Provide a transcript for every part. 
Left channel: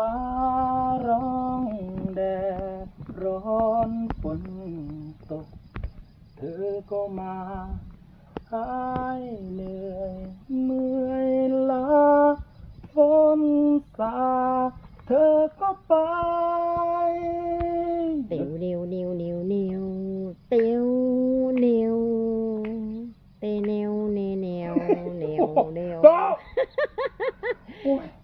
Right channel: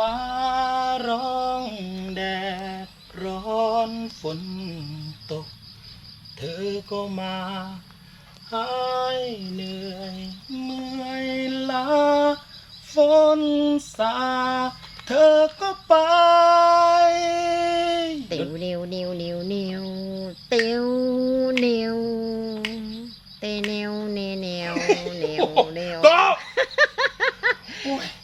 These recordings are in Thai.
ฟ้าร้องแดดร้อนฝนตก เธอก็มาหายเหนื่อยเมื่อยล้าฝนสา เธอก็ไป เตียวเนียวเนียวเนียวเนียวเตียวเนียวเตเนียวเนเนียวเนียวเนียวก็โอ้ยเ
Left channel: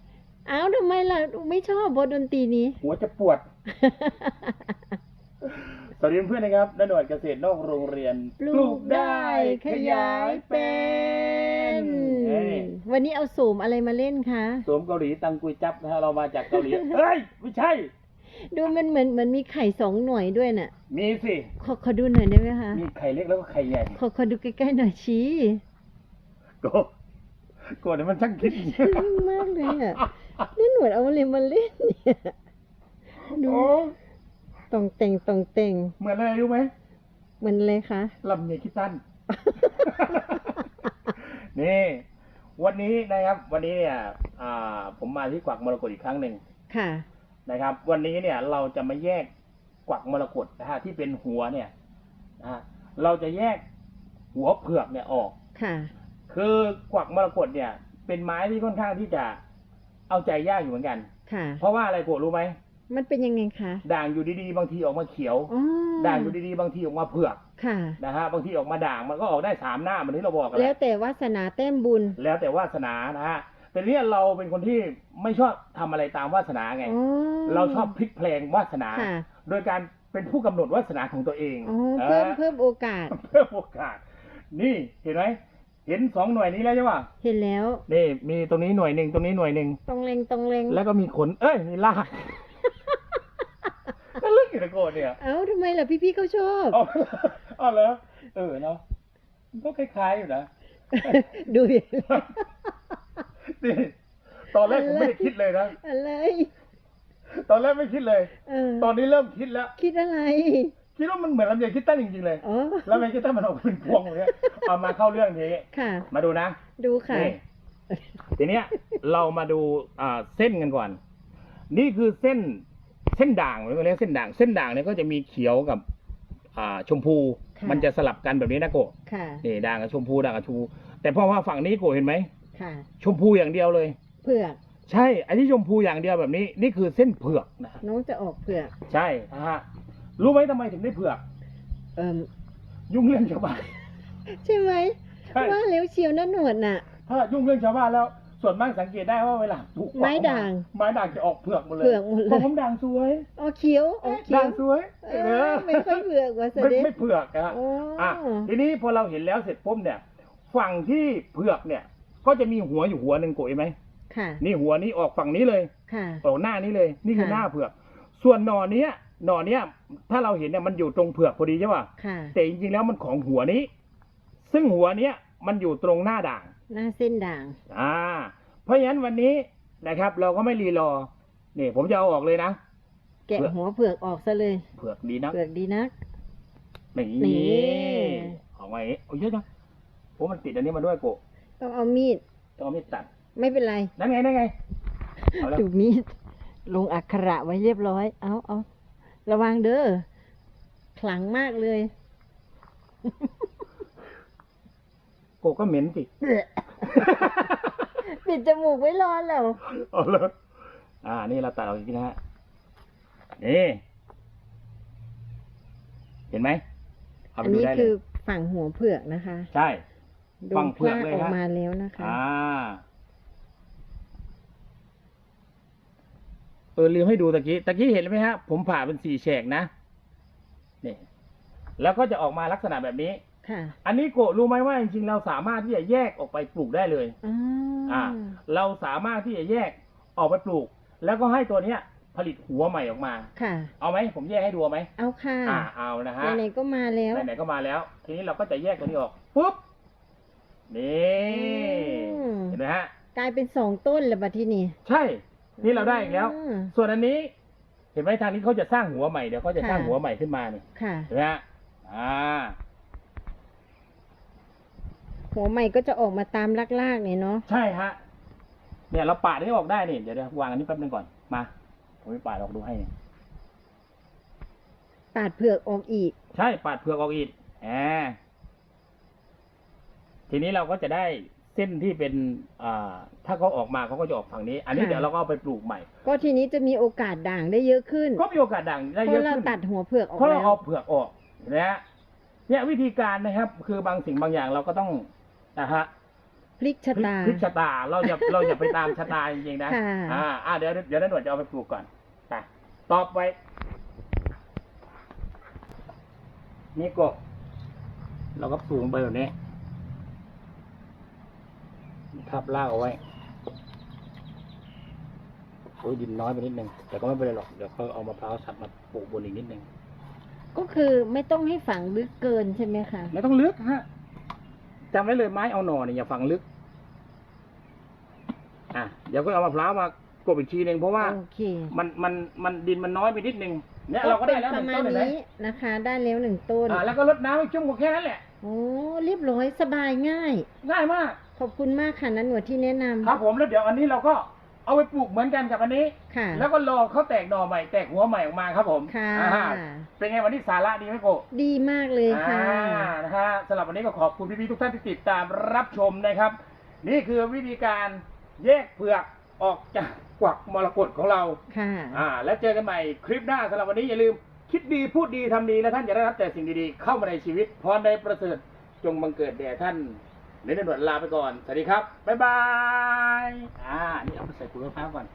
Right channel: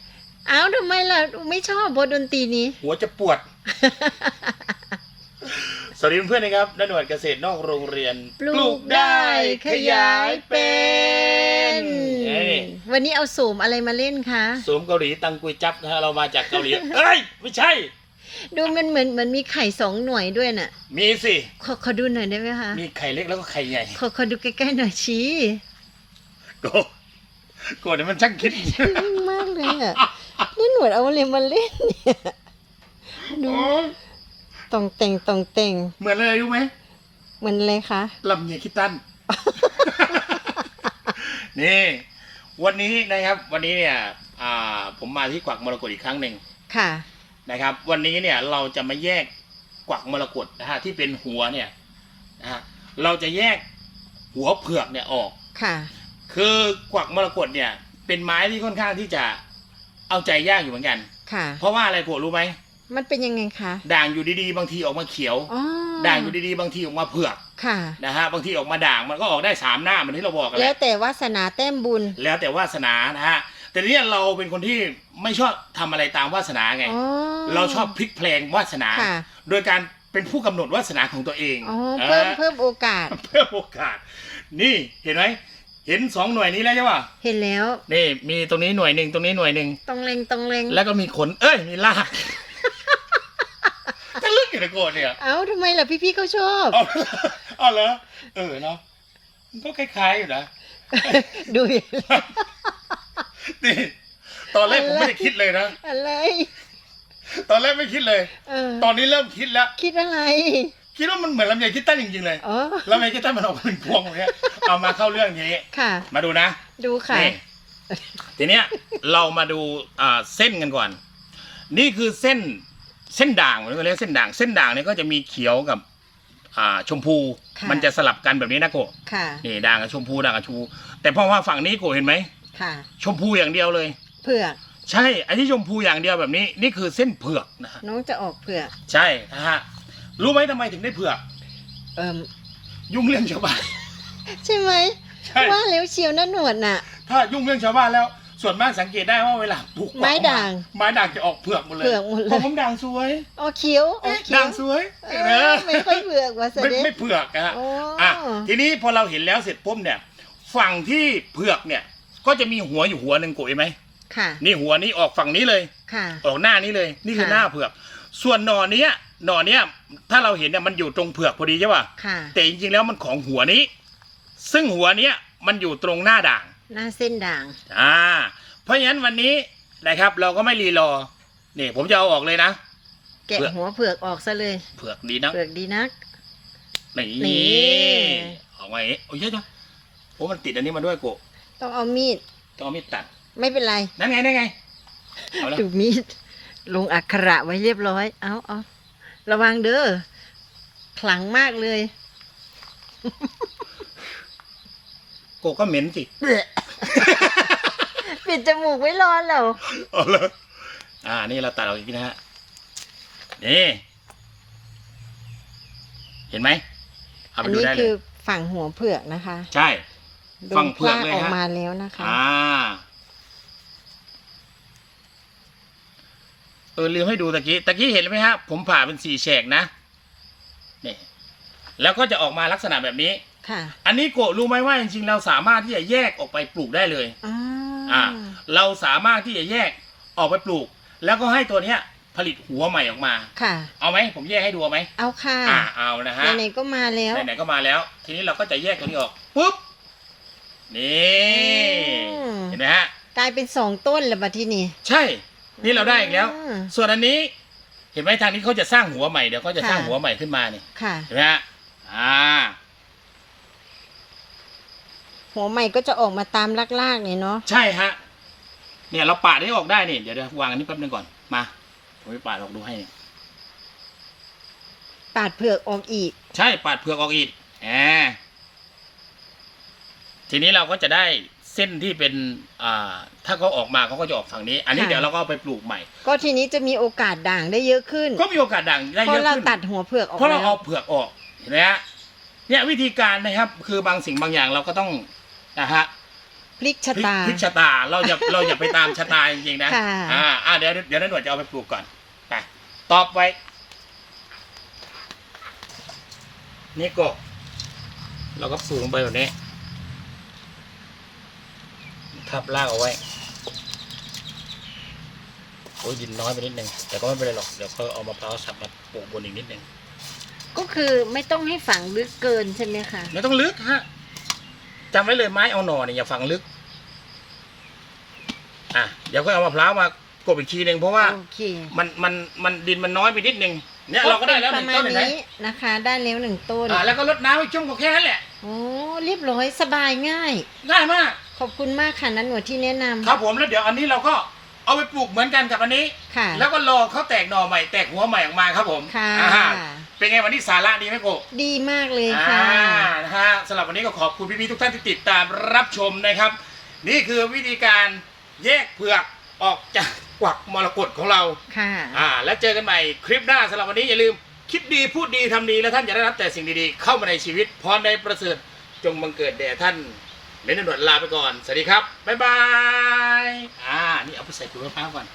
อ้าทำไมล่ะไม่ชอบบทดนตรีนี้ หัวจะปวด สวัสดีเพื่อนๆนะครับนันหนวดเกษตรนอกโรงเรียนปลูกได้ขยายเป็นเอ้ยวันนี้เอาโสมอะไรมาเล่นคะ สวมเกาหลีตังกุยจับนะฮะเรามาจากเกาหลี เอ้ย ไม่ใช่ ดูมันเหมือนเหมือนมีไข่สองหน่วยด้วยน่ะ มีสิ ขอขอดูหน่อยได้ไหมคะ มีไข่เล็กแล้วก็ไข่ใหญ่ขอขอดูใกล้ๆหน่อยชี้โกโกเดี๋ยวมันช่างคิดนิ่งมากเลยอะนี่หนวดเอาอะไรมาเล่นเนี่ยดูโอ้ยตองเต่งตองเต่งเหมือนอะไรรู้ไหมเหมือนอะไรคะลำไยคิดตัน นี่ วันนี้นะครับ วันนี้เนี่ยอ่าผมมาที่กวักมรกตอีกครั้งหนึ่งค่ะ นะครับ วันนี้เนี่ยเราจะมาแยกกวักมรกตนะฮะที่เป็นหัวเนี่ยนะฮะเราจะแยกหัวเผือกเนี่ยออก ค่ะ คือกวักมรกตเนี่ย เป็นไม้ที่ค่อนข้างที่จะเอาใจยากอยู่เหมือนกัน ค่ะ เพราะว่าอะไรโกรธรู้ไหมมันเป็นยังไงคะด่างอยู่ดีๆ บางทีออกมาเขียว อ๋อด่างอยู่ดีๆ บางทีออกมาเผือกค่ะ นะฮะบางทีออกมาด่างมันก็ออกได้สามหน้าเหมือนที่เราบอกกันแหแล้ละวแต่วาสนาแต้มบุญแล้วแต่วาสนานะฮะแต่เนี้เราเป็นคนที่ไม่ชอบทำอะไรตามวาสนาไง อ๋อเราชอบพลิกเพลงวาสนา ค่ะโดยการเป็นผู้กำหนดวาสนาของตัวเองอ๋อเพิ่มออเพิ่มโอกาส เพิ่มโอกาส นี่เห็นไหม เห็นสองหน่วยนี้แล้วใช่ป่ะเห็นแล้ว นี่มีตรงนี้หน่วยหนึ่งตรงนี้หน่วยหนึ่งตรงเลงตรงเลงแล้วก็มีขน เอ้ยมีลากก็ลึกอยู่นะโกรธเนี่ยเอ้าทำไมล่ะพี่ๆเขาชอบอ๋ออ๋อเหรอเออเนาะมันก็คล้ายๆอยู่นะดูอย่างนี่ตอนแรกผมไม่ได้คิดเลยนะอะไร ตอนแรกไม่คิดเลยเออตอนนี้เริ่มคิดแล้ว คิดอะไร คิดว่ามันเหมือนลำไยคิดตั้นจริงๆเลยอ๋อลำไยคิดตั้นมันออกมาเป็นพวงแบบเนี้ยเอามาเข้าเรื่องทีนี้ค่ะ มาดูนะดูค่ะ นี่ทีเนี้ยเรามาดูอ่าเส้นกันก่อน นี่คือเส้นเส้นด่างเราเรียกเส้นด่าง เส้นด่างเนี่ยก็จะมีเขียวกับอ่าชมพู ค่ะ มันจะสลับกันแบบนี้นะโกะค่ะ นี่ด่างกับชมพูด่างกับชมพู แต่เพราะว่าฝั่งนี้โกะเห็นไหมค่ะ ชมพูอย่างเดียวเลย เผือกใช่อันที่ชมพูอย่างเดียวแบบนี้ นี่คือเส้นเผือกนะฮะน้องจะออกเผือก ใช่นะฮะ รู้ไหมทำไมถึงได้เผือก เอิ่มยุ่งเรื่องชาวบ้าน ใช่ไหมใช่ ว่าแล้วเชียวนะหนวดน่ะ ถ้ายุ่งเรื่องชาวบ้านแล้ว ส่วนมากสังเกตได้ว่าเวลาปลูกไม้ด่างไม้ด่างจะออกเผือกหมดเลยเผือกหมดเลย ผมด่างสวยออกเขียวออกเขียด่าวงสวยเออไม่ค่อยเผือกว่าเสไม่ด็จไม่เผือกนะฮะ โอ้อะทีนี้พอเราเห็นแล้วเสร็จปุ๊บเนี่ย ฝั่งที่เผือกเนี่ย ก็จะมีหัวอยู่หัวหนึ่งโกยไหมค่ะนี่หัวนี้ออกฝั่งนี้เลย ค่ะ ออกหน้านี้เลย นี่คือค่ะ หน้าเผือก ส่วนหนอเนี้ย หนอเนี้ยถ้าเราเห็นเนี่ยมันอยู่ตรงเผือกพอดีใช่ป่ะค่ะ แต่จริงๆแล้วมันของหัวนี้ ซึ่งหัวเนี้ยมันอยู่ตรงหน้าด่าง หน้าเส้นด่าง อ่า เพราะฉะนั้นวันนี้นะครับ เราก็ไม่รีรอนี่ผมจะเอาออกเลยนะ แกะเผือก หัวเผือกออกซะเลย เผือกดีนะเผือกดีนัก นี่นี่ ออกมาอย่างนี้โอ้ยเยอะจังโอ้มันติดอันนี้มาด้วยโกะต้องเอามีด ต้องเอามีดตัดไม่เป็นไร นั่นไงนั่นไงเอาละดูมีด ลงอักขระไว้เรียบร้อย เอาเอา ระวังเด้อขลังมากเลย โกะก็เหม็นสิปิดจมูกไว้รอนแล้วเอาเลยอ่า นี่เราตัดออกอีกนะฮะ นี่ เห็นไหมเอาอัไปนดูนี้ได้เลคือยฝั่งหัวเผือกนะคะใช่ ดูฝั่งเผือกกล้าเลยออกฮะมาแล้วนะคะ อ่า เออลืมให้ดูตะกี้ตะกี้เห็นไหมฮะผมผ่าเป็นสี่แฉกนะนี่แล้วก็จะออกมาลักษณะแบบนี้ ค่ะ อันนี้โกะรู้ไหมว่าจริงๆเราสามารถที่จะแยกออกไปปลูกได้เลยอ่าอ่าเราสามารถที่จะแยกออกไปปลูก แล้วก็ให้ตัวเนี้ย ผลิตหัวใหม่ออกมา ค่ะ เอาไหมผมแยกให้ดูเอาไหมเอาค่ะอ่าเอานะฮะ ไหนๆก็มาแล้ว ไหนๆก็มาแล้ว ทีนี้เราก็จะแยกตัวนี้ออกปุ๊บ นี่ อืม เห็นไหมฮะ กลายเป็นสองต้นแล้วบัดที่นี่ ใช่ นี่เราได้อีกแล้ว อืมส่วนอันนี้ เห็นไหมทางนี้เขาจะสร้างหัวใหม่เดี๋ยวเขาจะสร้างค่ะหัวใหม่ขึ้นมาเนี่ยค่ะ เห็นไหมฮะอ่า หัวใหม่ก็จะออกมาตามลากๆเนี่ยเนาะใช่ฮะ เนี่ยเราปาดให้ออกได้นี่ เดี๋ยวเดี๋ยววางอันนี้แป๊บนึงก่อน มา ผมไปปาดออกดูให้นี่ปาดเผือกออกอีก ใช่ปาดเผือกออกอีกแหมทีนี้เราก็จะได้ เส้นที่เป็นอ่าถ้าเขาออกมาเขาก็จะออกฝั่งนี้ อันนี้ค่ะ เดี๋ยวเราก็เอาไปปลูกใหม่ ก็ทีนี้จะมีโอกาสด่างได้เยอะขึ้น ก็มีโอกาสดังได้เพเยราะอะเราขึ้น ตัดหัวเผือกออกเพราะเราแล้วเอาเผือกออกเห็นไหมฮะเนี่ยวิธีการนะครับ คือบางสิ่งบางอย่างเราก็ต้องนะฮะพลิกชะพลิกตา พลิกชะตาเราอย่าเราอย่าไปตามชะตาจริงๆนะค่ะ อ่าอ่าเดี๋ยวเดี๋ยวนันหนวดจะเอาไปปลูกก่อนไปตอบไว้นี่ก็เราก็ปลูกลงไปแบบนี้ ทับรากเอาไว้โอ้ยดินน้อยไปนิดนึงแต่ก็ไม่เป็นไรหรอกเดี๋ยวเขาเอามะพร้าวสับมาปลูกบนอีกนิดนึงก็คือไม่ต้องให้ฝังลึกเกินใช่ไหมคะไม่ต้องลึกฮะจำไว้เลยไม้เอาหน่อเนี่ยอย่าฝังลึก อะเดี๋ยวก็เอามะพร้าวมากบอีกทีหนึ่งเพราะว่าโอเคมันมันมันดินมันน้อยไปนิดนึงเนี่ยเราก็ได้แล้วหปนึ่ระงมาต้ณนเห็นไหมนี้นะคะ ได้แล้วหนึ่งต้นอ่าแล้วก็รดน้ำให้ชุ่มก็แค่นั้นแหละโอ้เรียบร้อยสบายง่ายง่ายมาก ขอบคุณมากค่ะนันหนวดที่แนะนำ ครับผมแล้วเดี๋ยวอันนี้เราก็เอาไปปลูกเหมือนกันกับอันนี้ ค่ะ แล้วก็รอเขาแตกหน่อใหม่แตกหัวใหม่ออกมาครับผมค่ะ อ่าเป็นไงวันนี้สาระดีไหมโกบ ดีมากเลยค่ะ อ่านะฮะสำหรับวันนี้ก็ขอบคุณพี่ๆทุกท่านที่ติดตามรับชมนะครับ นี่คือวิธีการแยกเผือกออกจากกวักมรกตของเรา ค่ะ อ่า แล้วเจอกันใหม่คลิปหน้าสำหรับวันนี้อย่าลืมคิดดีพูดดีทำดี และท่านจะได้รับแต่สิ่งดีๆ เข้ามาในชีวิตพรในประเสริฐจงบังเกิดแด่ท่าน เน้นหนวดลาไปก่อน สวัสดีครับ บ๊ายบาย อ่า นี่เอาไปใส่ถุงมะพร้าวก่อน